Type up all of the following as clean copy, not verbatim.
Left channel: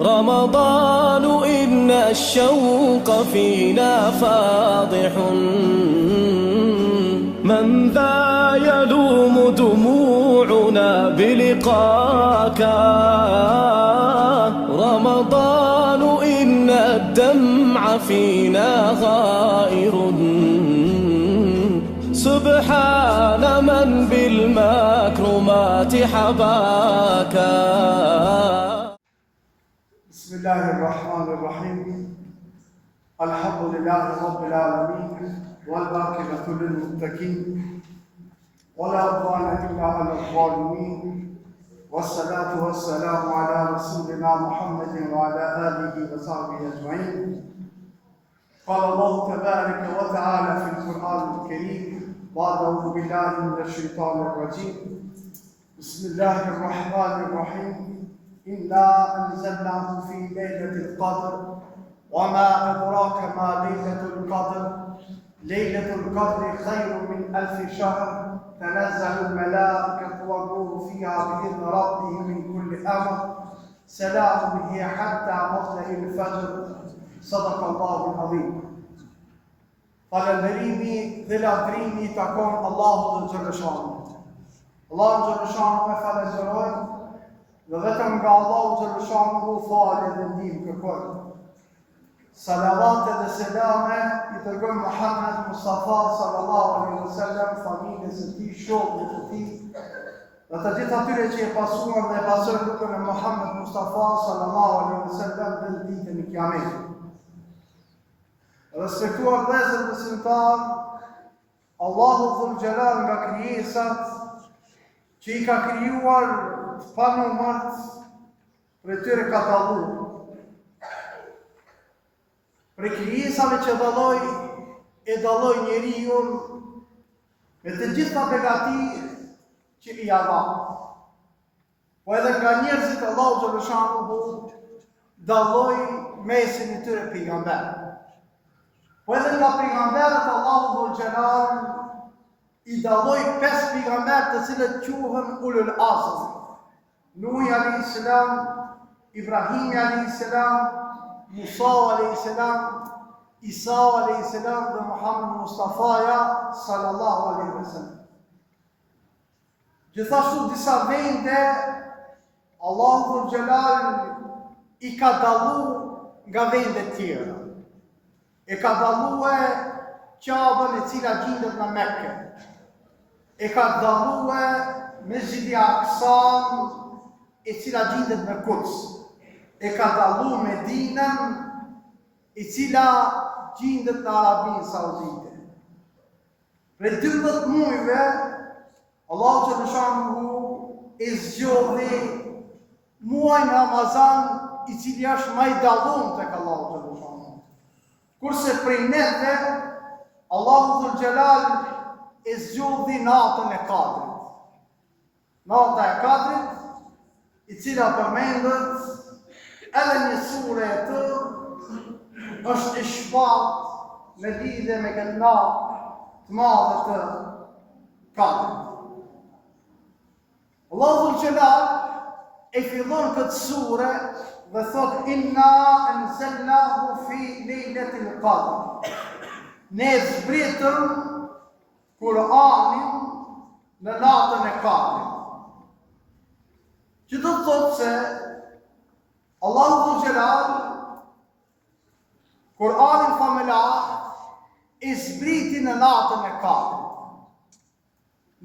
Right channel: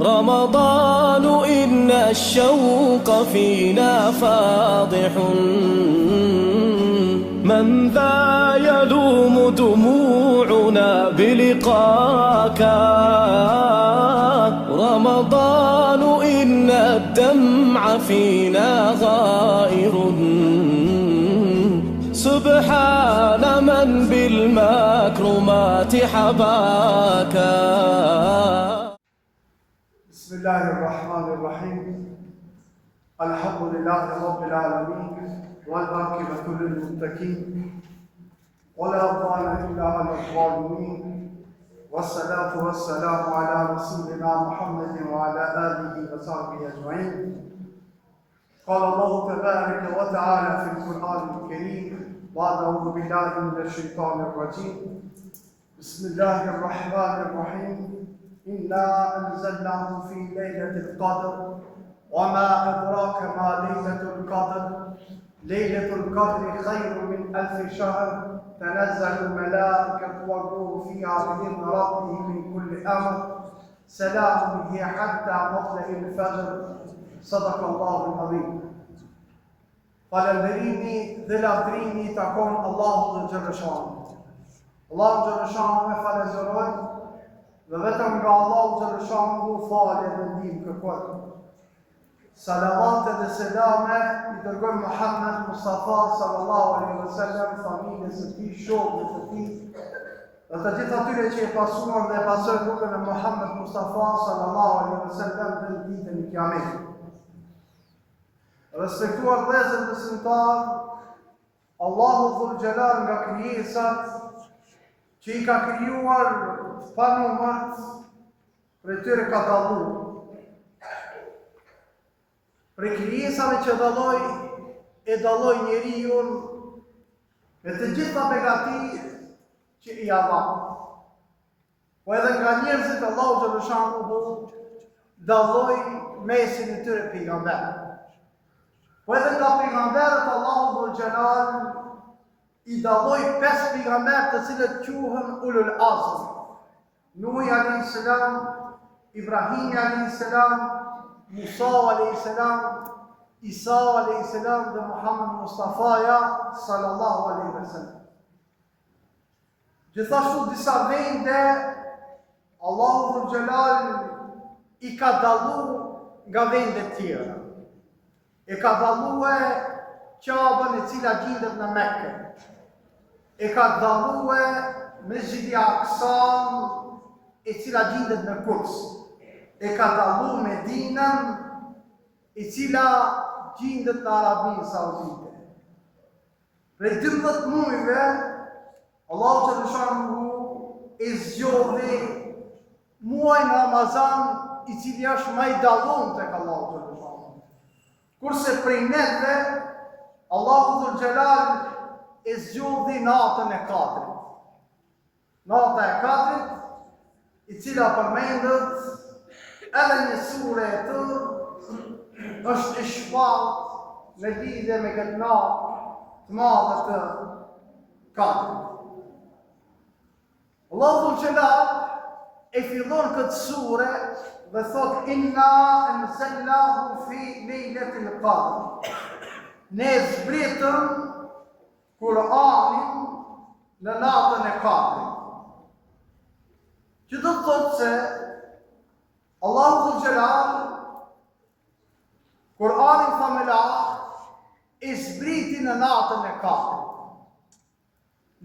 رمضان إن الشوق فينا فاضح من ذا يلوم دموعنا بلقاك رمضان إن الدمع فينا غائر سبحان من بالمكرمات حباك. بسم الله الرحمن الرحيم الحمد لله رب العالمين والعاقبة للمتقين ولا عدوان إلا على الظالمين والصلاة والسلام على رسولنا محمد وعلى آله وصحبه أجمعين. قال الله تبارك وتعالى في القرآن الكريم بعد أعوذ بالله من الشيطان الرجيم بسم الله الرحمن الرحيم إنا أنزلناه في ليلة القدر وما أدراك ما ليلة القدر ليلة القدر خير من 1000 شهر تنزل الملائكة والروح فيها بإذن ربهم من كل أمر سلام هي حتى مطلع الفجر. صدق الله العظيم. Falënderimi dhe lavdrimi i takon Allahut dhe Xhaleshanu. Allahu Xhaleshanu e falenderojmë dhe vetëm nga Allahu Xhaleshanu falje dhe ndihmë kërkojmë. Salavat dhe selame i dërgojmë Muhammed Mustafa sallallahu alaihi wasallam, familjes së tij, shokëve të tij, dhe të gjithë atyre që e pasuan dhe pasojnë rrugën e Muhammed Mustafa sallallahu alaihi wasallam dhe në ditën e Kiametit. Respektuar vëllezër besimtar, Allahu Dhul Jalal nga krijesat që i ka krijuar të panumërt, për tyre ka dalluar. Për krijesave që dalloi njeriu me të gjitha begatit që i dha. Po edhe nga njerëzit Allahu Xhaleshanu dalloi mesin e tyre pejgamberë. Po edhe nga pejgamberët Allahu Dhul Jalal i dalloi 5 pejgamberë të cilët quhen Ulul Azm. Nuhi alayhis salam, Ibrahim alayhis salam, Musa alayhis salam, Isa alayhis salam dhe Muhammed Mustafaja sallallahu alaihi wasallam. Gjithashtu disa vende Allahu Dhul Jalal i ka dalluar nga vende tjera. E ka dallue Qabën e cila gjendet në Mekke. E ka dallue Mesjidi Aksan e cila gjendet në Kuds. E ka dallu Medinën e cila gjendet në Arabinë Saudite. Për 12 muajve Allahu Xhaleshanu e zgjodhi muajin Ramazan i cili është më i dalluar tek Allahu Xhaleshanu. Kurse prej neve, Allahu Dhul Jalal e zgjodhi natën e Kadrit. Nata e Kadrit, i cila përmendet edhe një sure e tërë, është e shpallë në lidhje me këtë natë të madhe të Kadrit. Allahu Dhul Jalal e fillon këtë sure dhe thot inna anzalnahu fi lejletil qadr. Ne zbritëm Kur'anin në natën e Kadrit. Që do të thotë se Allahu Dhul Jalal Kur'anin familjar e zbriti në natën e Kadrit.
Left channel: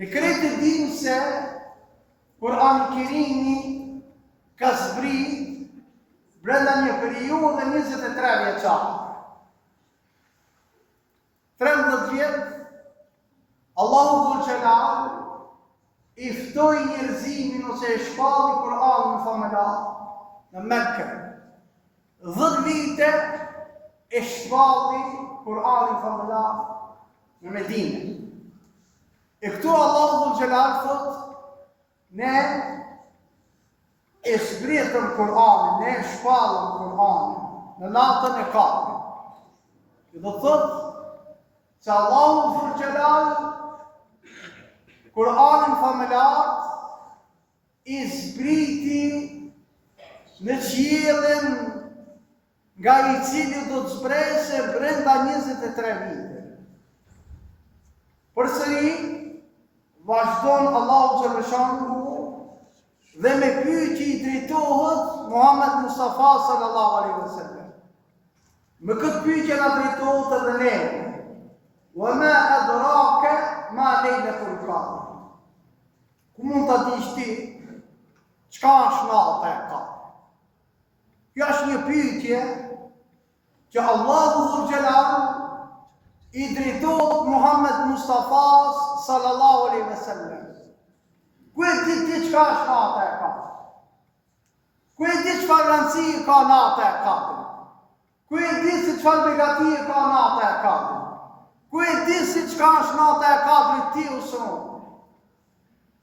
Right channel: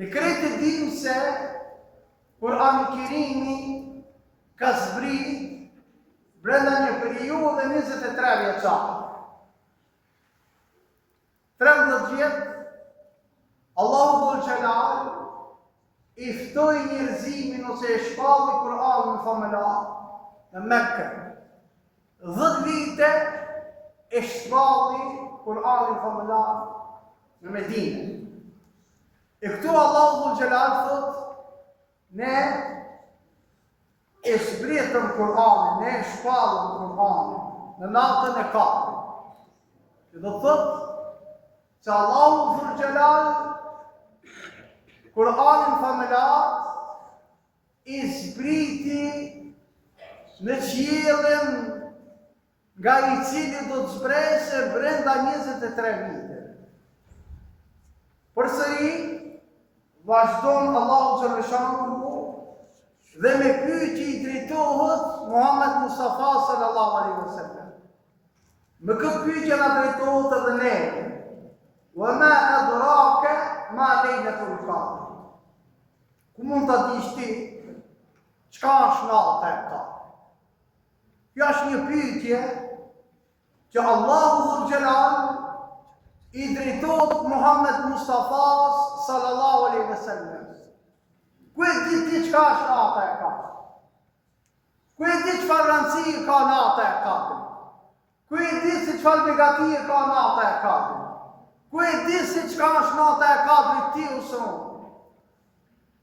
Ne krejtë dim se Kur'ani Kerimi ka zbrit brenda një periudhe 23 vjeçare. 13 vjet Allahu Dhul Jalal i ftoi njerëzimin ose e shpalli Kur'anin familjar në Mekke. 10 vite e shpalli Kur'anin familjar në Medinë. E këtu Allahu Dhul Jalal thot ne e zbritëm Kur'anin, ne e shpallëm Kur'anin në natën e Kadrit. Që do thotë se Allahu Dhul Jalal Kur'anin familjar i zbriti në qiellin nga I cili do të zbresë brenda 23 vite. Përsëri vazhdon Allahu xhaleshanuhu dhe me pyetje I drejtohet Muhammed Mustafa sallallahu alaihi wasallam. Me këtë pyetje na drejtohet edhe ne. Wa ma adraka ma Laylatul Qadr. Ku mund ta dish ti çka është nata e Kadrit? Kjo është një pyetje që Allahu Dhul Jalal I drejtohet Muhammed Mustafa sallallahu alaihi wasallam. Ku e di ti çka është nata e Kadrit? Ku e di çfarë rëndësie ka nata e Kadrit? Ku e di se çfarë begatie ka nata e Kadrit? Ku e di se çka është nata e Kadrit ti ose unë?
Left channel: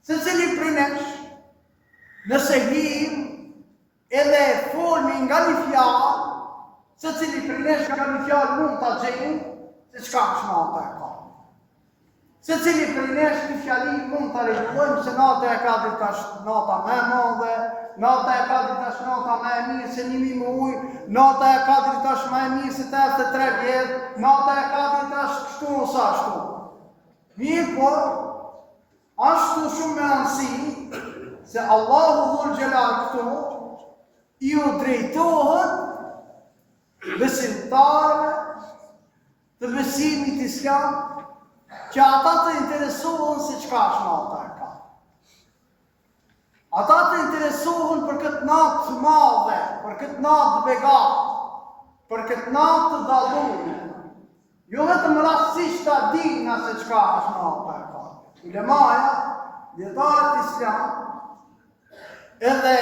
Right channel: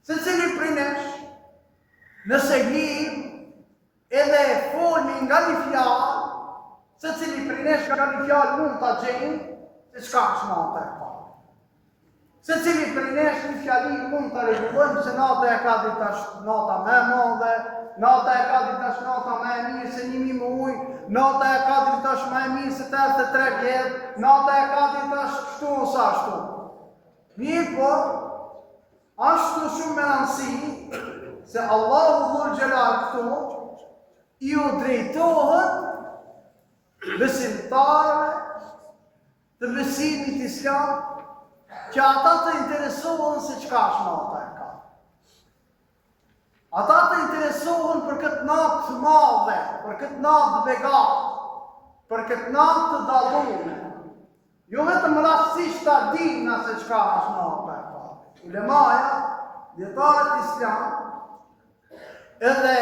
Secili prej nesh, nëse him edhe folmi nga një fjalë, secili prej nesh nga një fjalë mund ta gjejmë se çka është nata e Kadrit. Secili prej nesh një fjali mund ta rregullojmë se nata e Kadrit është nata më e madhe, nata e Kadrit është nata më e mirë se 1000 muaj, nata e Kadrit është më e mirë se 83 vjet, nata e Kadrit është kështu ose ashtu. Mirë po, ashtu shumë me rëndësi se Allahu Dhul Jalal këtu I u drejtohet besimtarëve të besimit islam që ata të interesohen se çka është nata e Kadrit. Ata të interesohen për këtë natë të madhe, për këtë natë të begatë, për këtë natë të dallume. Jo vetëm rastësisht ta dinë se çka është nata e Kadrit. Ulemaja, dietarët islam, edhe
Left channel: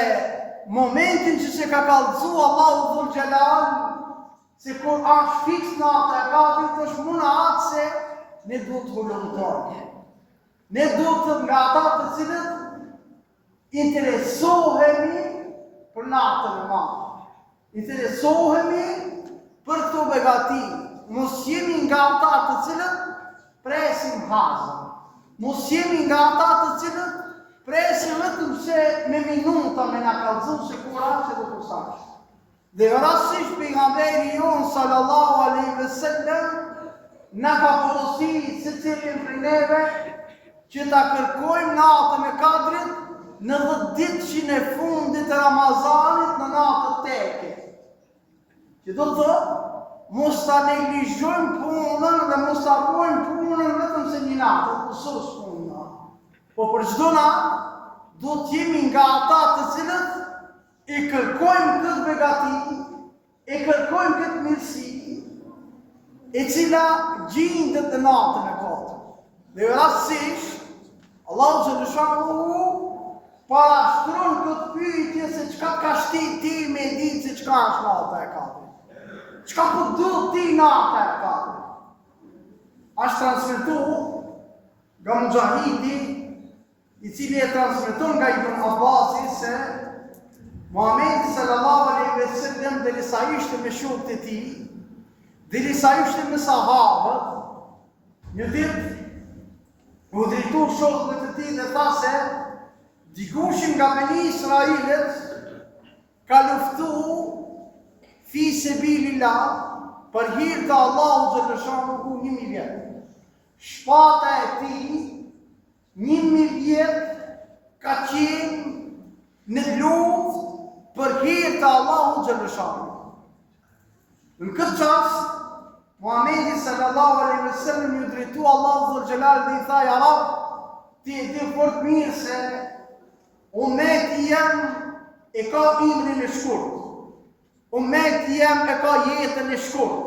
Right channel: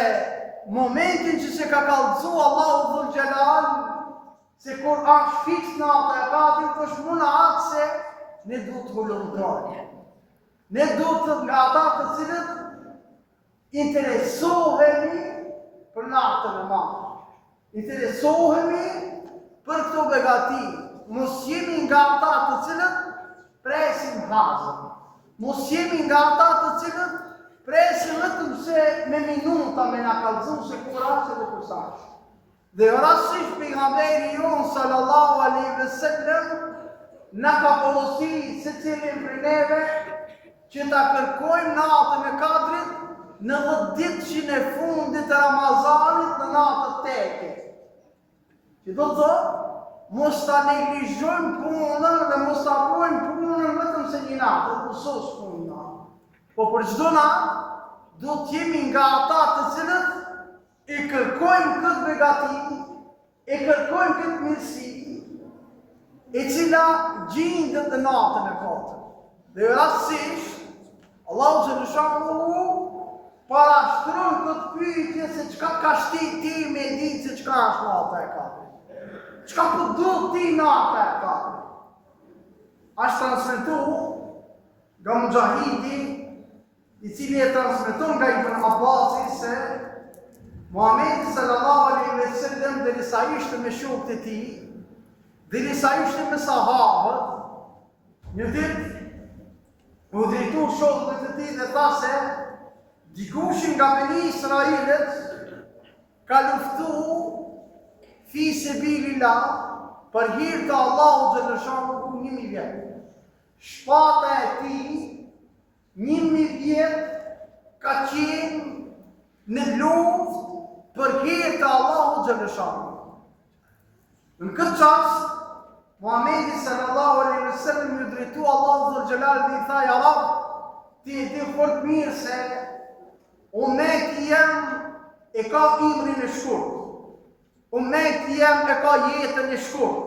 momentin që se ka kallëzu Allahu Dhul Jalal, se kur është fiks nata e Kadrit, është muna atë se ne duhet të volontojmë. Ne duhet të nga ata të cilët interesohemi për natën e madhe. Interesohemi për këto begati. Mos jemi nga ata të cilët presim hazën. Mos jemi nga ata të cilët presim vetëm se me minuta me na kallëzu se kur është edhe kur sa. Dhe rastësisht pejgamberi jon sallallahu alaihi wasallam na ka porositur secilin prej neve që ta kërkojmë natën e Kadrit në 10 ditëshin e fundit të Ramazanit në natët teke. Që do të thotë, mos ta neglizhojmë punën dhe mos ta bëjmë punën vetëm se një natë, të sos punën. Po për çdo natë, do të jemi nga ata të cilët e kërkojmë këtë begati, e kërkojmë këtë mirësi, e cila gjendet në natën e Kadrit. Dhe rastësisht, Allahu xhaleshanuhu parashtron këtë pyetje se çka ka shtit ti me ditë se çka është nata e Kadrit. Çka po duhet ti nata e Kadrit? Është transmetuar nga Mujahidi, I cili e transmeton nga Ibn Abbasi se Muhamedi sallallahu alaihi wasallam derisa ishte me shokët e tij, derisa ishte me sahabët, një ditë u drejtu shokëve të tij dhe tha se dikushin nga Beni Israilet ka luftu fi sebilillah për hir të Allahut xhaleshanuhu 1000 vjet. Shpata e tij 1000 vjet ka qenë në luftë për hir të Allahut xhaleshanuhu. Në këtë çast Muhamedi sallallahu alaihi wasallam ju drejtu Allahu dhul Jalal dhe I tha ja Rab, ti e di fort mirë se ummeti jam e ka imrin e shkurt. Ummeti jam e ka jetën e shkurt.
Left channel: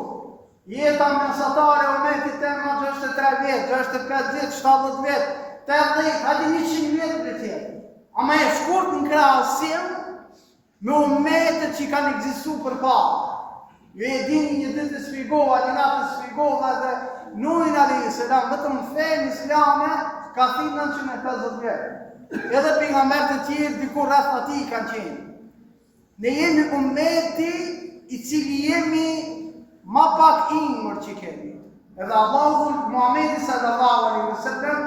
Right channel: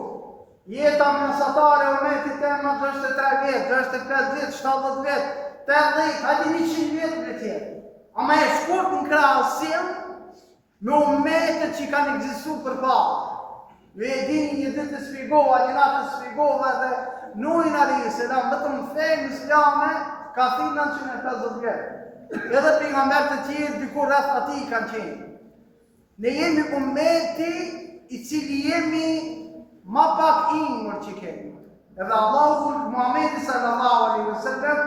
Jeta mesatare e ummetit tem 63 vjet, 65 vjet, 70 vjet, 80, hadi 100 vjet për tjetër. Ama e shkurt në krahasim me ummetet që kanë ekzistuar përpara. Ju e dini një ditë të sfigova, një natë të sfigova dhe Nuhin alayhis salam vetëm fenë islame ka thënë 950 vjet. Edhe pejgamberët e tjerë diku rreth atij kanë qenë. Ne jemi ummeti I cili jemi ma pak imër që kemi. Edhe Allahu Muhamedi sallallahu alaihi wasallam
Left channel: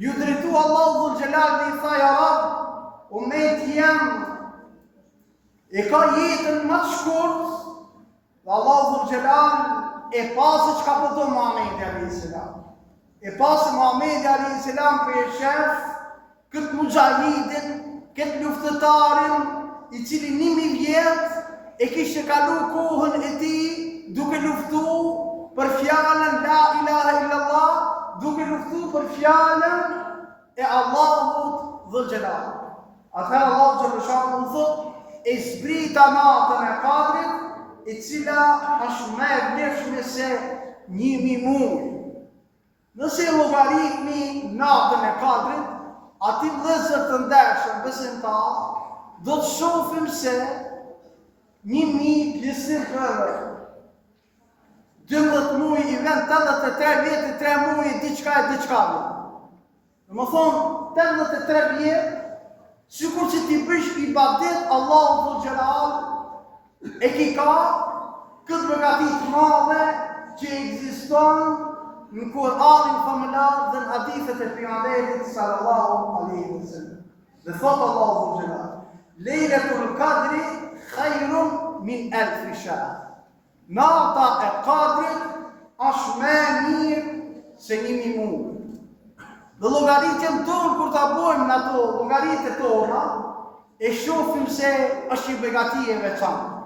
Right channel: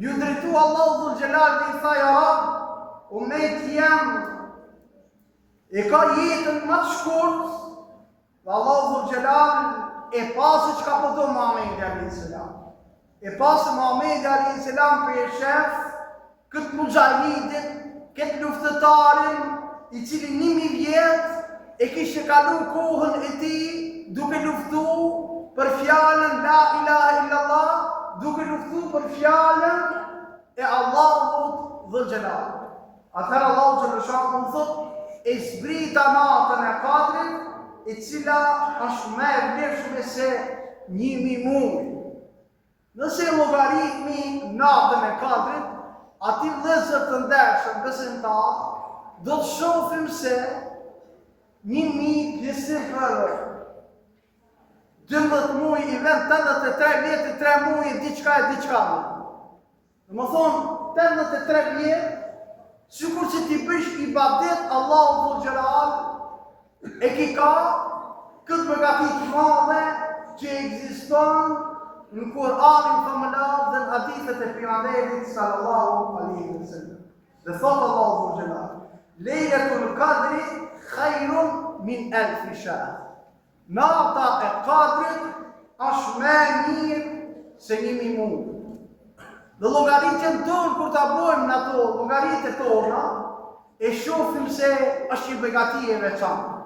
ju drejtu Allahu dhul Jalal dhe I tha ja Rab, ummeti jam e ka jetën më të shkurt, dhe Allahu Dhul Gjelal e pasë që ka përdo Muhamedi a.s. E pasë Muhamedi a.s. për e shef këtë mujahidin, këtë luftëtarin, i cili 1000 vjet e kishte kalu kohën e tij duke luftu për fjalën La ilaha illallah, duke luftu për fjalën e Allahut Dhul Gjelal. Atëherë Allahu Xhallahu Shanu thot e zbrita natën e Kadrit, e cila është më e vlefshme se 1000 muaj. Nëse llogaritmi natën e Kadrit, ati vëllezër të ndershëm besimtar, do të shohim se 1000 pjesën për 12 muaj i vend 83 vjetë, 3 muaj diçka e diçka. Dhe më thonë, 83 vjetë, sikur që ti bësh ibadet, Allahu Dhul Gjelal e ki ka këtë begatit madhe që ekziston në Kur'anin famëlar dhe në hadithet e pejgamberit sallallahu alaihi wasallam. Dhe thot Allahu Dhul Gjelal, Lejletul Qadri khairun min 1000 shahr. Nata e Kadrit është më mirë se 1000 muaj. Dhe llogaritjen tonë, kur ta bojmë në ato llogaritjet tona, e shohim se është një begati e veçantë.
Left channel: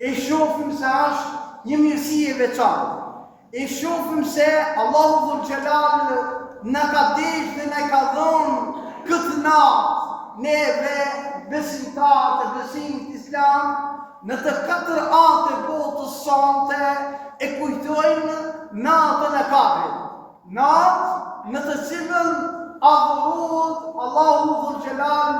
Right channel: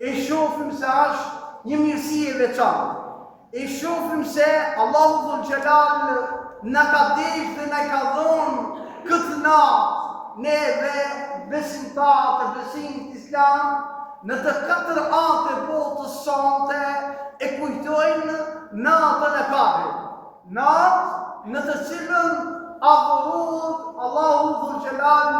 E shohim se është një mirësi e veçantë. E shohim se Allahu Dhul Gjelal na ka deshur dhe na ka dhënë këtë natë neve besimtarë të besimit islam, në të 4 anë të botës sante e kujtojnë natën e Kadrit. Natë në të cilën adhurohet Allahu Dhul Gjelal,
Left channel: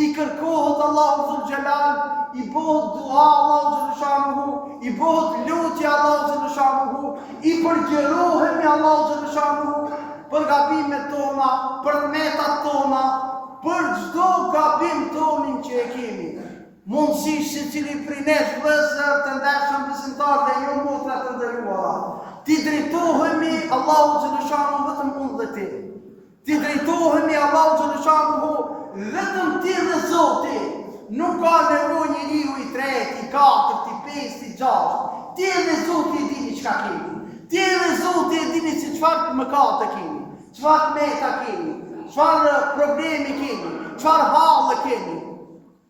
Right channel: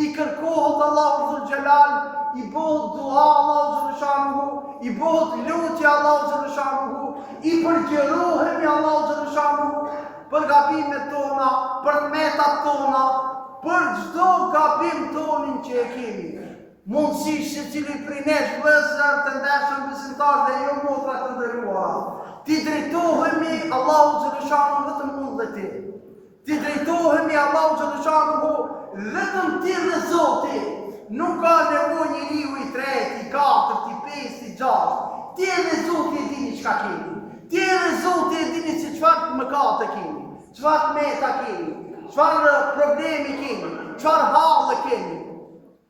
i kërkohet Allahu Dhul Gjelal, i bëhet dua Allahu Xhallahu Shanuhu, i bëhet lutje Allahu Xhallahu Shanuhu, i përgjërohemi Allahu Xhallahu Shanuhu për gabimet tona, për metat tona, për çdo gabim tonin që e kemi. Mundësisht se cili prej nesh vëllezër të ndershëm besimtar dhe jo motra të nderuara, ti drejtohemi Allahu Xhallahu Shanuhu vetëm unë dhe ti. Ti drejtohemi Allahu Xhallahu Shanuhu vetëm ti dhe Zoti. Nuk ka nevojë njeriu i tretë, i katërt, i pestë, i gjashtë. Ti dhe Zoti e dini çka keni. Ti dhe Zoti e dini se çfarë mëkate keni, çfarë meta keni, çfarë problemi keni, çfarë halle keni.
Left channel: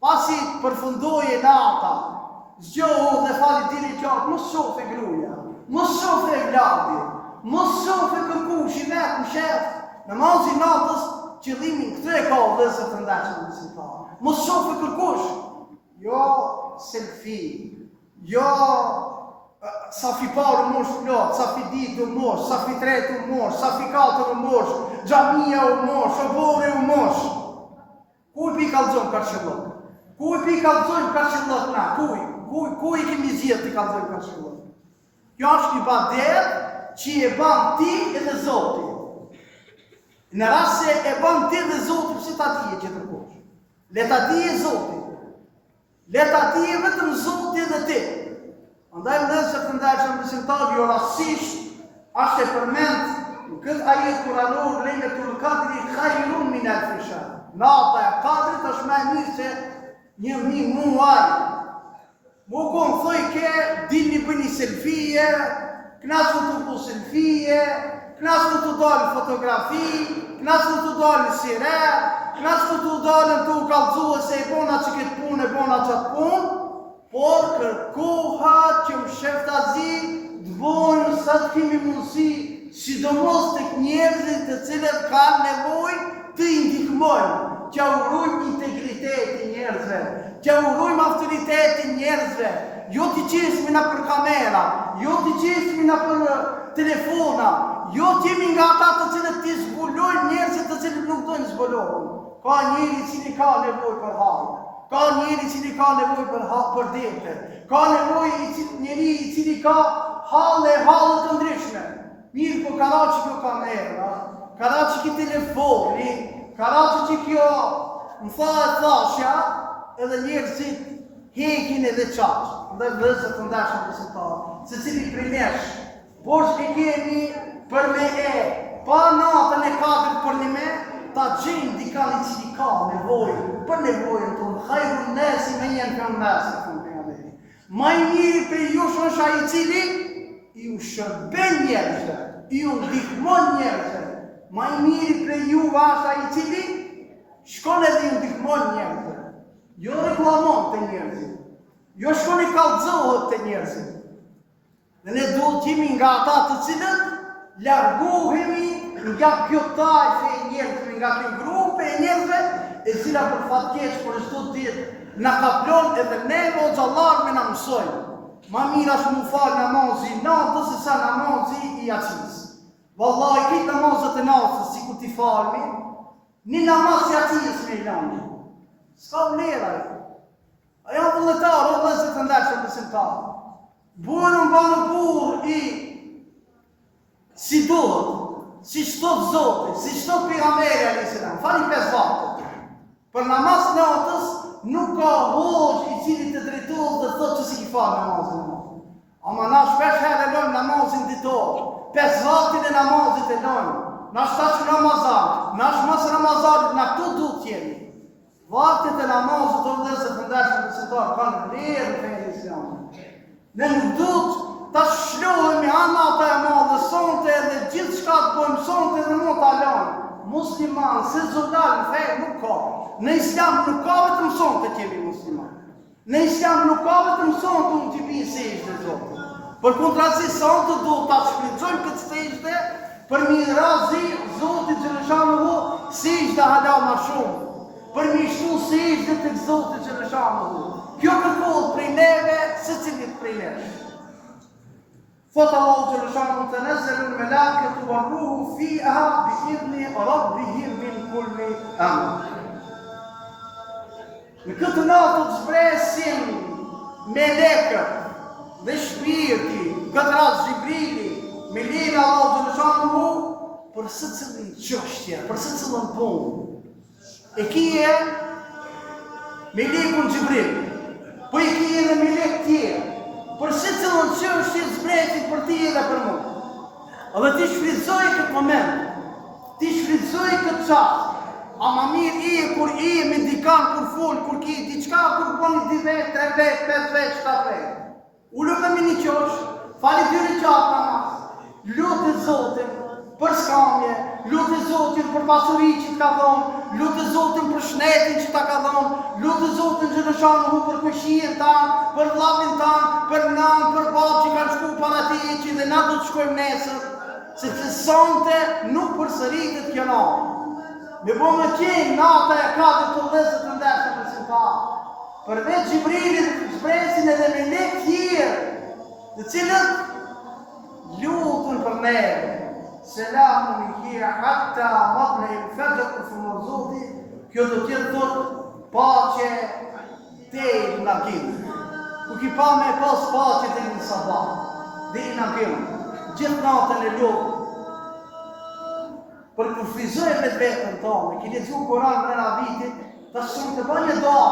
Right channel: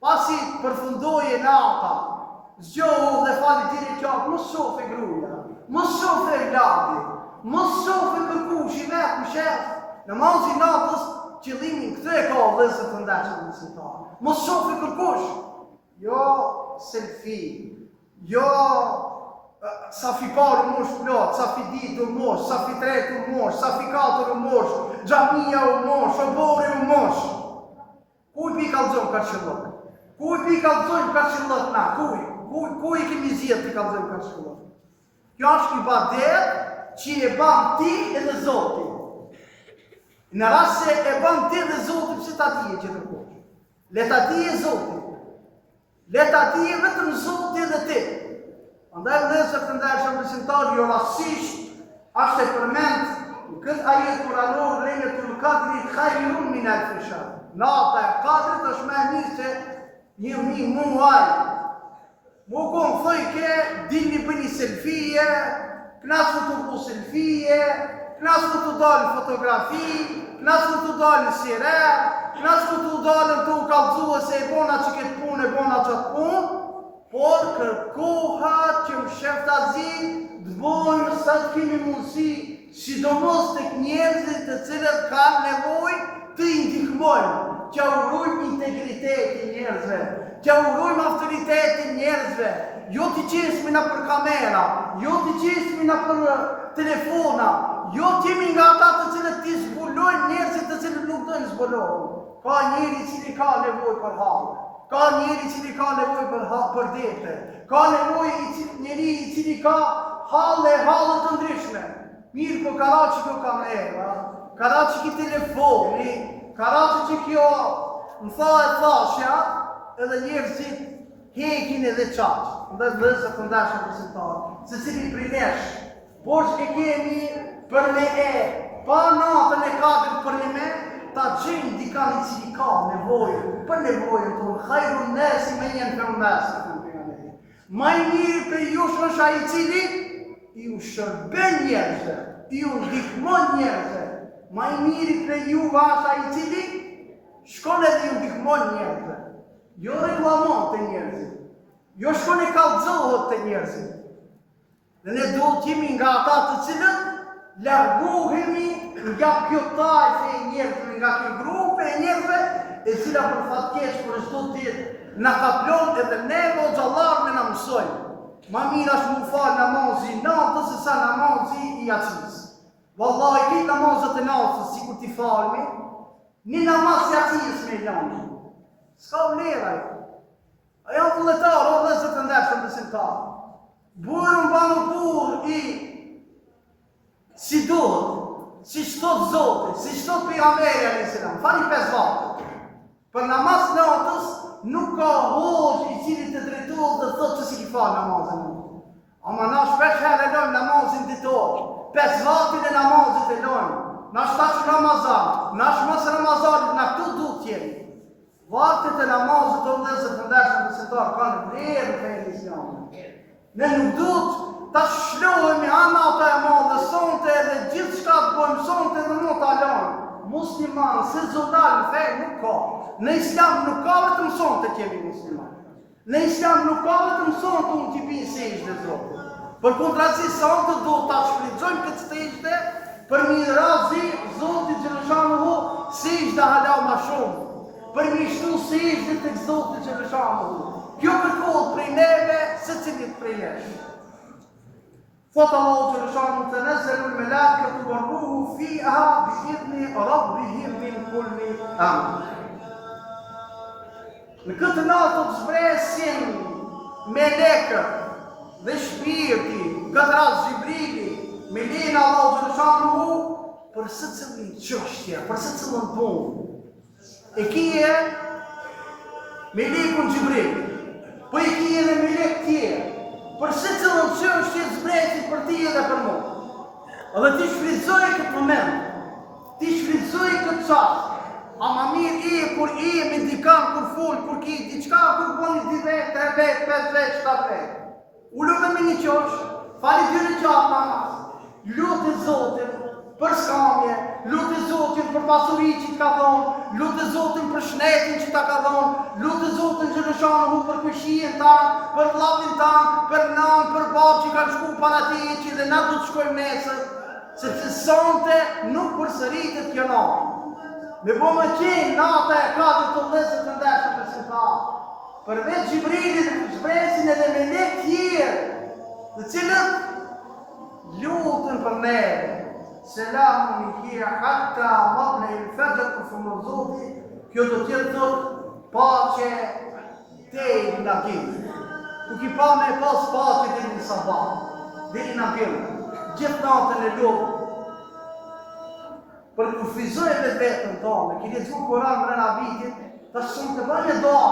Pasi përfundoje nata, zgjohu dhe fali dini qartë, mos shofe gruaja, mos shofe vladi, mos shofe kërkushi vetë në shef. Namazi natës, qëllimin këtë e ka vëllezër të ndershëm besimtar. Mos shofe kërkush, jo selfie, jo safi parë u mosh plot, safi ditë u mosh, safi tretë u mosh, safi katër u mosh, xhamia u mosh, obori u mosh. Kuj pi kallëzojmë karshëllok? Kuj pi kallëzojmë karshëllok na? Kuj i kemi zgjedhur ti kallëzojmë karshëllok? Kjo është ibadet që e ban ti edhe Zoti. Në rast se e ban ti dhe Zoti, pse ta dije që kërkosh? Le ta dije Zoti. Le ta dije vetëm Zoti dhe ti. Andaj vëllezër të ndershëm besimtar, jo rastësisht është e përmend në këtë ajet kuranor Lejletul Qadri khairun min 1000 shahr. Nata e Kadrit është më e mirë se 1000 muaj. Mu kon thoj ke dini bëni selfie, knasë të bu selfie, knasë të dalë fotografi, knasë të dalë siret, knasë të dalë të u kallëzua se e bona që këtë punë, e bona qatë punë, por kërkohat që më sheftazi të bojmë sa të kemi mundësi, sidomos të njerëzit të cilët kanë nevojë të i ndihmojmë, që urojmë integritetin njerëzve, që urojmë autoritetin njerëzve, jo t'i qesmi na për kamera, jo t'i qesmi na për telefona, jo t'jemi nga ata të cilët t'i zbulojnë njerëzit të cilët nuk dojnë zbulojnë. Ka njeri cili ka nevojë për hallë, ka njeri cili ka nevojë për dete, ka nevojë njeri i cili ka hallë të ndryshme. Mirë po kara që kjo kamera, kara që ki telefoni, kara që kjo më tha e thashja, edhe njerëzit hekin edhe qaqë. Ndër vëllezër të ndershëm besimtar, se cili prej nesh, borxh e kemi për me pa natën e Kadrit për një me, ta gjenë dikani cili ka nevojë, për nevojën tonë, khajrun nasi me jenë për nasi, ma i mirë për ju është ai i cili ju shërben njerëzve, ju ndihmon njerëzve, ma i mirë për ju është ai i cili shkon edhe ju ndihmon njerëzve, jo reklamon të njerëzit, jo shkon e kallëzohet të njerëzit. Dhe ne duhet jemi nga ata të cilët largohemi nga kjo tajfe e njerëzve, nga kjo grupe e njerëzve, e cila për fatkeq për çdo ditë na kaplon edhe neve o xhallar me na mësojnë. Ma mirë është mu falë namazi natës se sa namazi i jacis. Wallahi këtë namazët e natës si ku t'i falmi, një namaz i jacis me i lani. S'ka vleraj. Aja vëlletarë o dhezët të ndershëm besimtarë. Burën banë burë i si duhet, si shtot Zotit, si shtot pejgamberi a.s. Fali 5 vakte. Për namaz natës nuk ka hoxh i cili të drejtohet dhe thotë që si ki falë namazin. Ama na shpesh herë e lojmë namazin ditor, 5 vaktin e namazit e lojmë, na shtash Ramazan, na shmas Ramazanit, na këtu duhet jemi. Vaktit e namazit të vëllezër të ndershëm besimtarë kanë vlerë në fenë islame. Ne nuk duhet ta shlohemi anata e madhe sonte dhe gjithë shka të bojmë sonte dhe mund ta lojmë. Musliman, se zullal në fejë nuk ka. Në islam nuk ka vetëm sonte që jemi musliman. Në islam nuk ka vetëm sonte unë t'i binë sejshde Zotit. Për kontrazi sonte duhet ta shfrytëzojmë këtë sejshde për mi razi Zotit Gjeleshanuhu sejshde hala ma shumë. Për mi shtu sejshde të Zotit Gjeleshanuhu. Kjo kërkohet prej neve, se cilit prej neve. Thotë Allahu Gjeleshanu të nëzëllun me lakë të varruhu fiha bi idhni rabbihim min kulli amr. Në këtë natë të zbresin melekët dhe shpirti, këtë ras Gjibrili, me lena Allahu Gjeleshanu për së cilin qështja, për së cilin punë. E kije melekun Gjibrili, po e kije dhe melek tjerë. Për se cilën që është zbretit për ti edhe për mu. Edhe ti shfridzoj këtë moment, ti shfridzoj këtë qatë, a ma mirë i kur i me dikan, kur full, kur ki, diqka, kur poni 2 vetë, 3 vetë, 5 vetë, 7 vetë. Ullu me mini qosh, fali 2 qatë namaz, lutë Zotin për skamje, lutë Zotin për pasuri që t'ka dhonë, lutë Zotin për shnetin që t'ka dhonë, lutë Zotin Gjeleshanuhu për këshien tanë, për vllapin tanë, për nanë, për babë që kanë shku para ti, që dhe na du të shkojmë nesër, sepse sonte nuk përsëritet kjo natë. Me bo më qenë nata e ka dhe të vëllezër të ndershëm besimtarë. Përveç Gjibrilit zbresin edhe melek tjerë, të cilët lutën për neve. Selamun i kje hatta matle i fëgjët për fëmër Zoti, kjo do tjetë thotë pace te i nga kimë. Ku ki pa me pas pace dhe i në sabah, dhe i nga kimë. Gjithë natën e lutë. Për kur frizoj me vetën tonë, ki lezu Koran mrena vitit, ta shumë të banje doa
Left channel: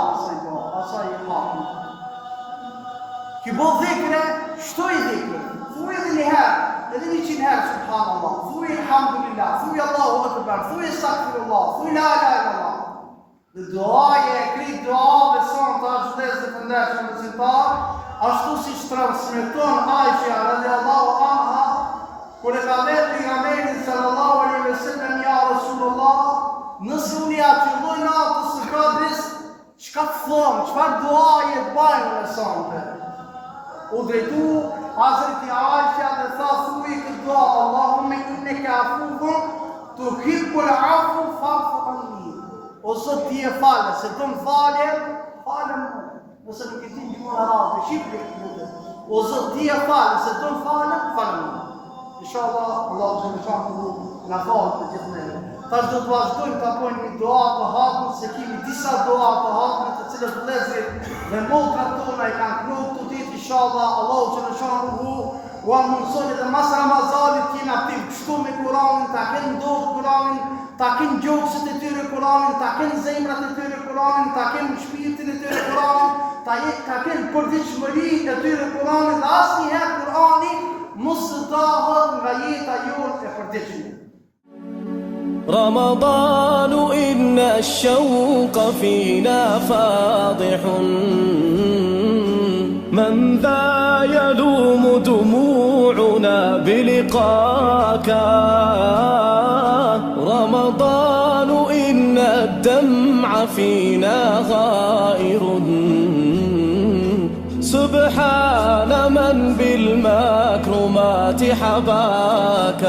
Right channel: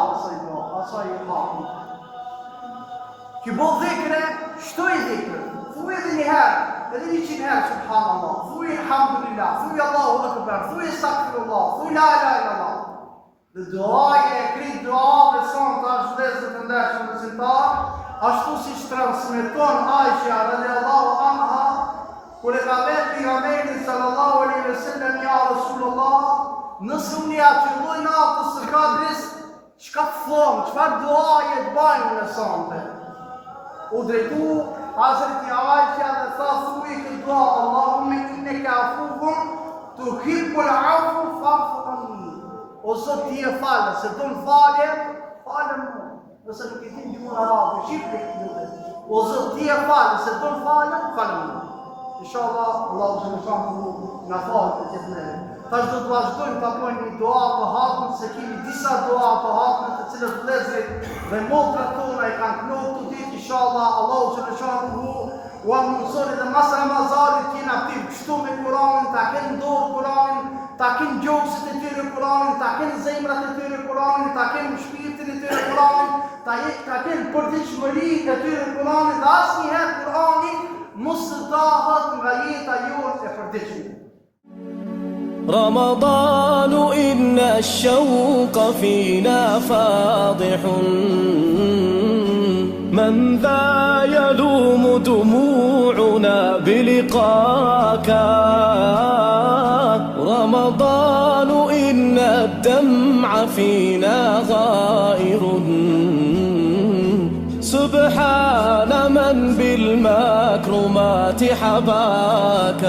asaj e hapën. Ki bo dhikre, shtoj dhikre, thuj edhe një herë, edhe 100 herë, subhanallah, thuj alhamdulillah, thuj Allahu akbar, thuj astaghfirullah, thuj la ilaha illallah. Dhe duaje e krit duave son të ashtë vëllezër të ndershëm besimtar, ashtu si transmeton Aisha radiallahu anha, kur e ka vetë pejgamberin sallallahu alaihi wasallam ja Rasulullah, nëse unë ja qëlloj natës së kadris, çka të thomë, çfarë duaje të bajmë në sonte? U drejtu Hazreti Aisha dhe tha thuj këtë dua, Allahumme inneke afufun, tuhibbul afu fa'fu anni. O Zot ti e falë, se do më falje, falë më. Nëse nuk e din gjumën arabe, shqipli këtë. O Zot ti e falë, se do më falje, falë më. Inshallah, Allahu Gjeleshanuhu na falë të gjithë neve. Tash do të vazhdojmë të apojnë një dua të hapën, se kemi disa dua të hapën të cilët vëllezërit dhe motrat tona i kanë knotë të ditë, inshallah, Allahu Gjeleshanuhu u amundësoni dhe mas Ramazanit t'jena aktiv kështu me Kuranin, ta kenë dorë Kuranin, ta kenë gjokësit e tyre Kuranin, ta kenë zemrat e tyre Kuranin, ta kenë shpirtin e tyre Kuranin, ta kenë përditshmëri e tyre Kuranin dhe asnjëherë Kurani mos të dahet nga jeta jonë e përditshme. رمضان إن الشوق فينا فاضح من ذا يلوم دموعنا بلقاك رمضان إن الدمع فينا غائر سبحان من بالمكرمات حباك